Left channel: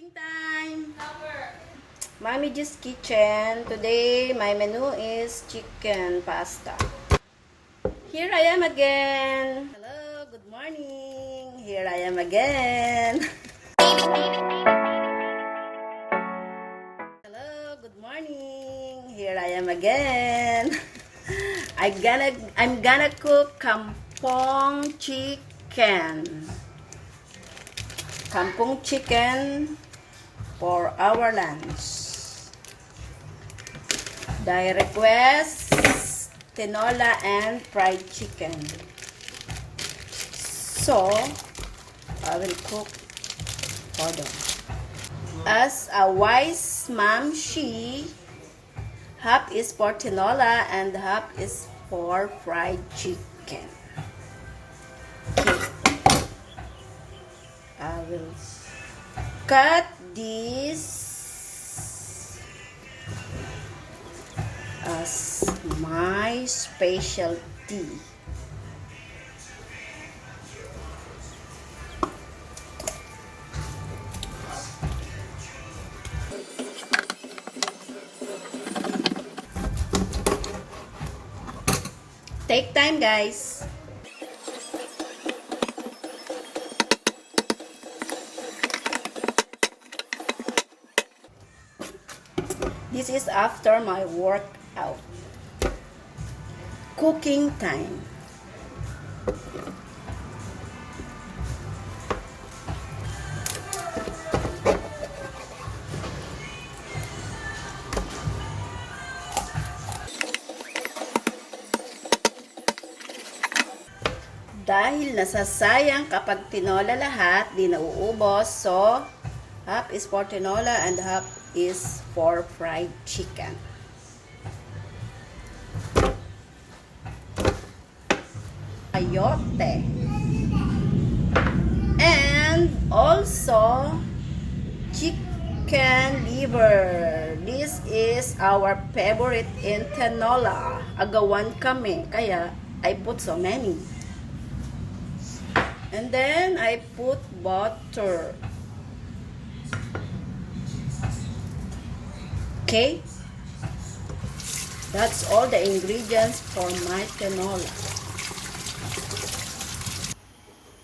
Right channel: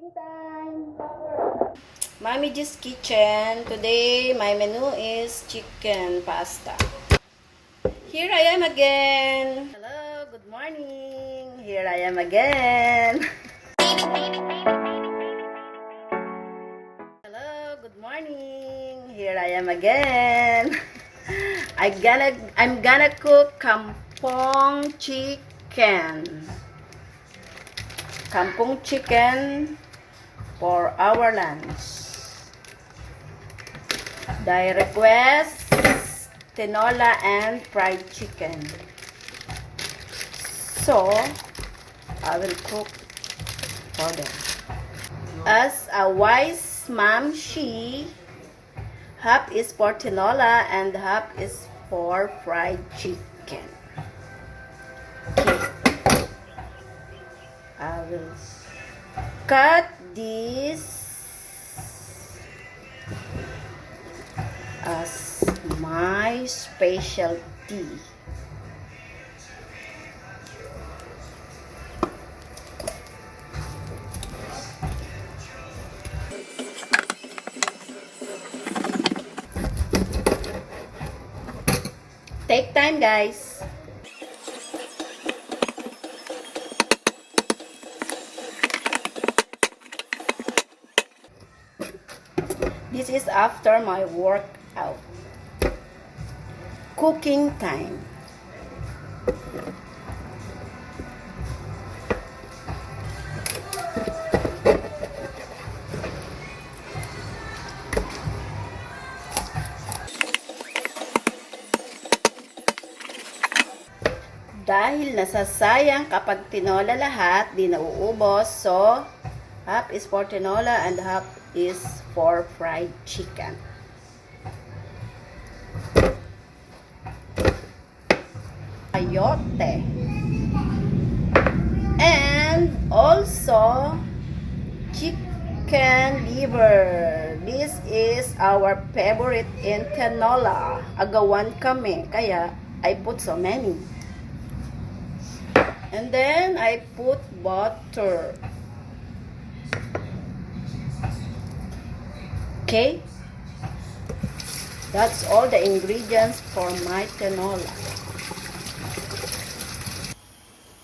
Cooking time! Mame Ghi's kitchen. Today, my menu is chicken pasta. Here I am again. Hello, good morning. Here I am again. Hello, good morning. Here I am again. I'm gonna cook kampong chicken. Kampong chicken for our lunch. The request, tinola and fried chicken. So, I will cook for them. As a wise mom, half is for tinola and half is for fried chicken. Okay. I will cut this as my specialty. Take time, guys. This is after my workout. Cooking time. Dahil nasasayang kapag tinola lahat, di nauubos. So, half is for tinola and half is for fried chicken. Ayote. And also chicken liver. This is our favorite in tinola. Agawan kami, kaya I put so many. And then I put butter. Okay? That's all the ingredients for my tinola.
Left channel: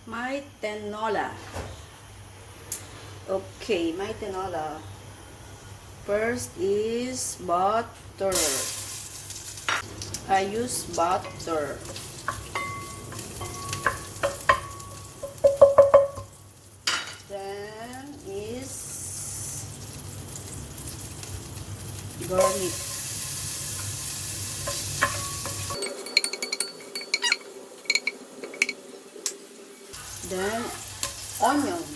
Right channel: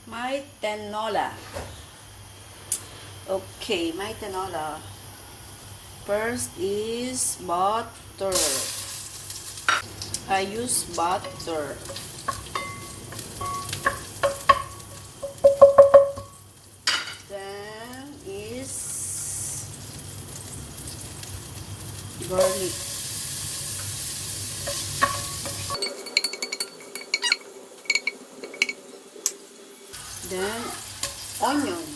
My tinola. Okay, my tinola. First is butter. I use butter. Then is garlic. Then onion.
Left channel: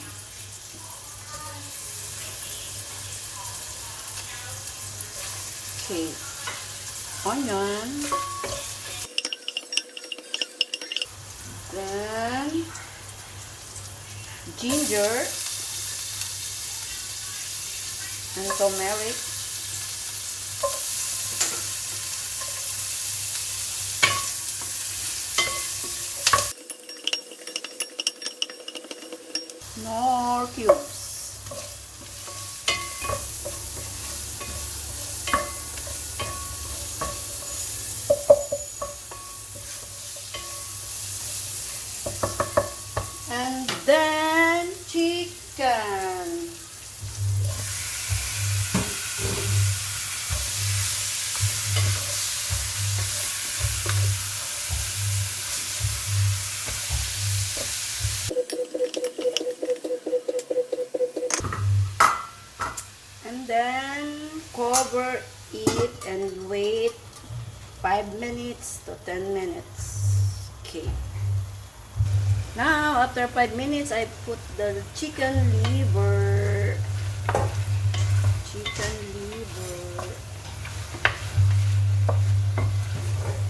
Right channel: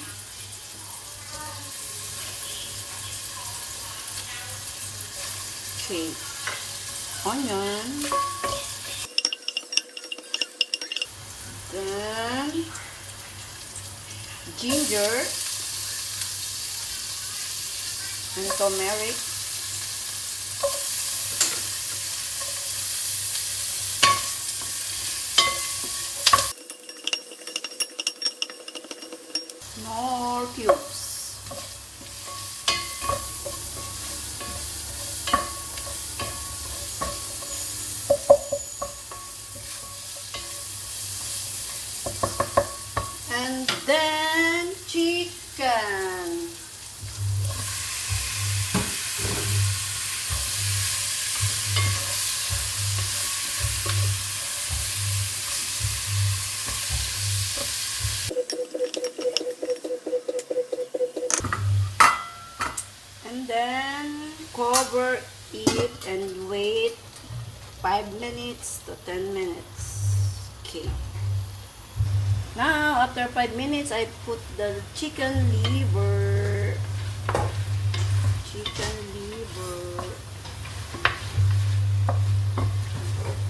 Okay, onion. Then ginger and turmeric. More cubes. And then chicken. And then cover it and wait 5 minutes to 10 minutes. Okay. Now, after 5 minutes, I put the chicken liver. Chicken liver.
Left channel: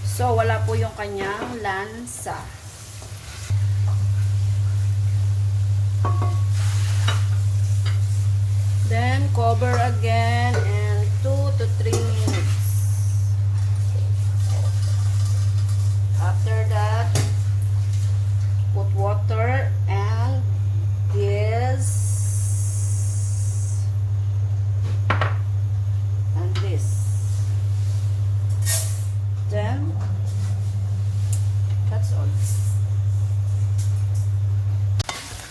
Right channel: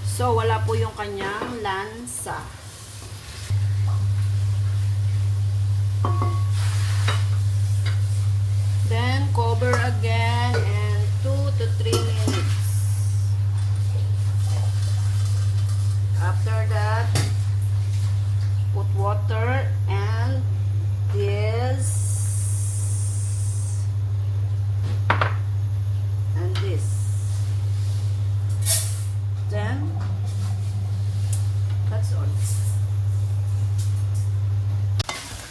So, wala po yung kanyang lansa. Then, cover again and 2 to 3 minutes. After that, put water and this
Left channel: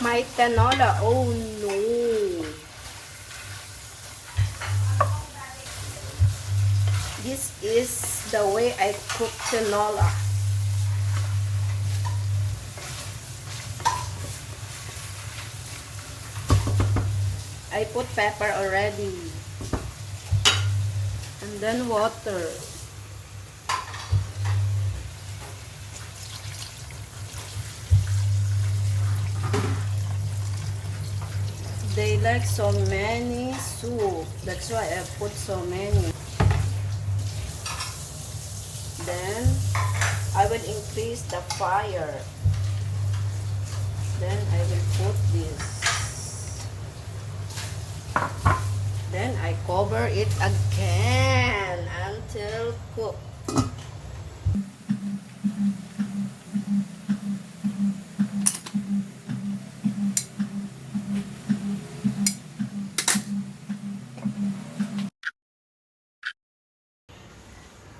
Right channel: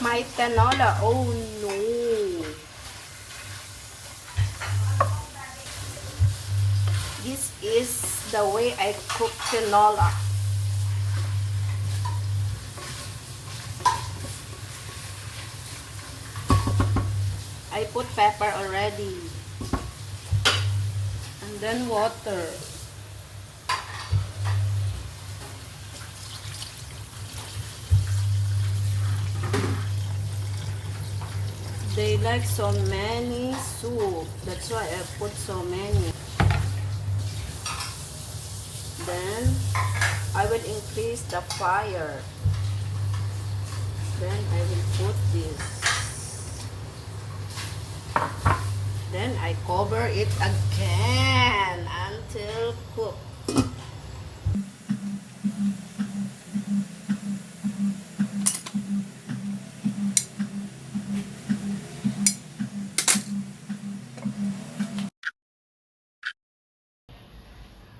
My tinola. Oh no. This is the way I cook tinola. I put pepper already. And then water. They like so many soup. That's why I put so many. Then I will increase the fire. Then I will put this. Then I cover it again until cooked.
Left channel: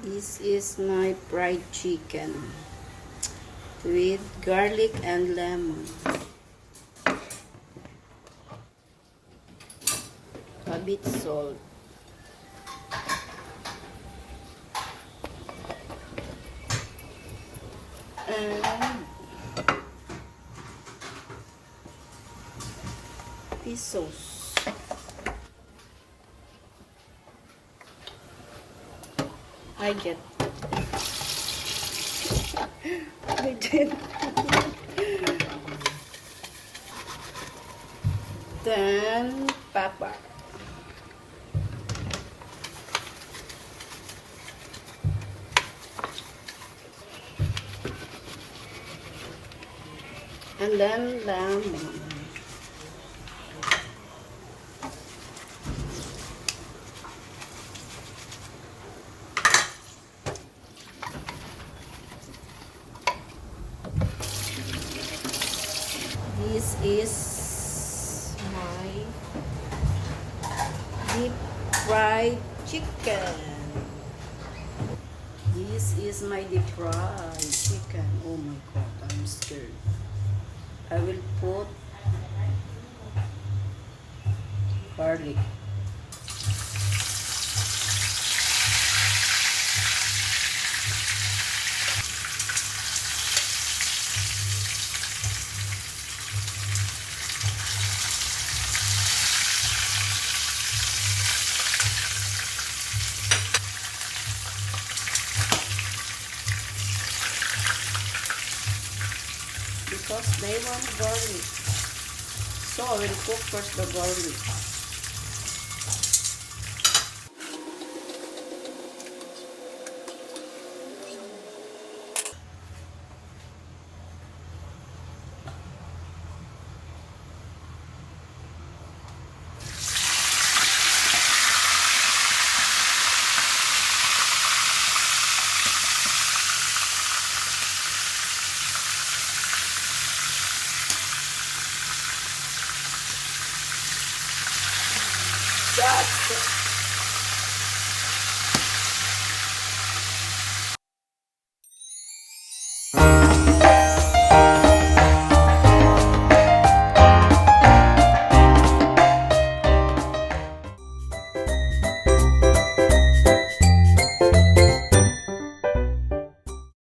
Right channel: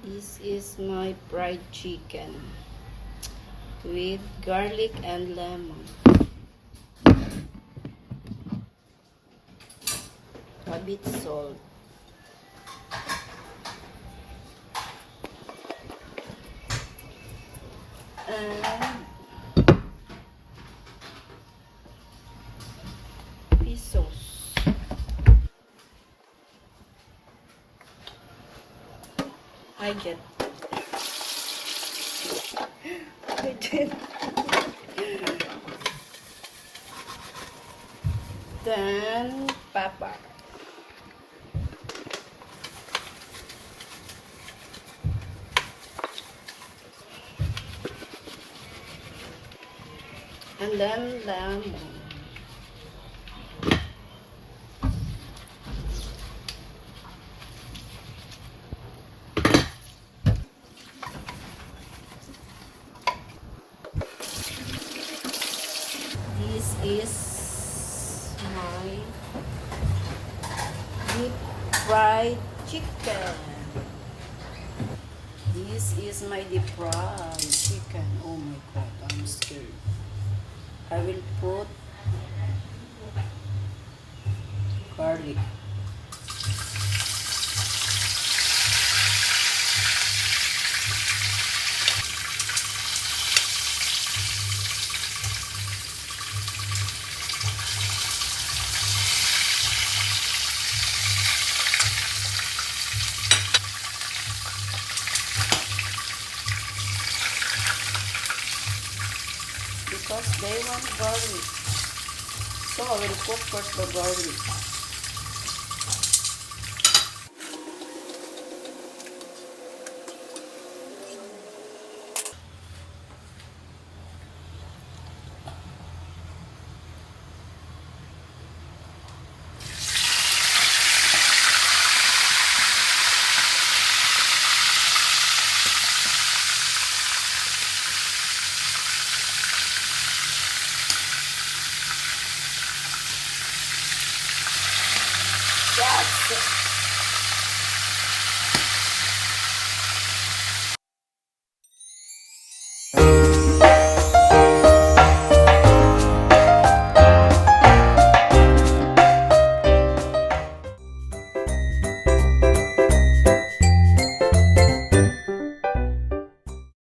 This is my fried chicken with garlic and lemon. A bit salt. And fish sauce. I did. Then pepper. And then lemon. This is my deep fried chicken. This is my deep fried chicken. Oh my god, I'm scared. I will put garlic. Because they want garlic. So I will cook first the garlic. That's it.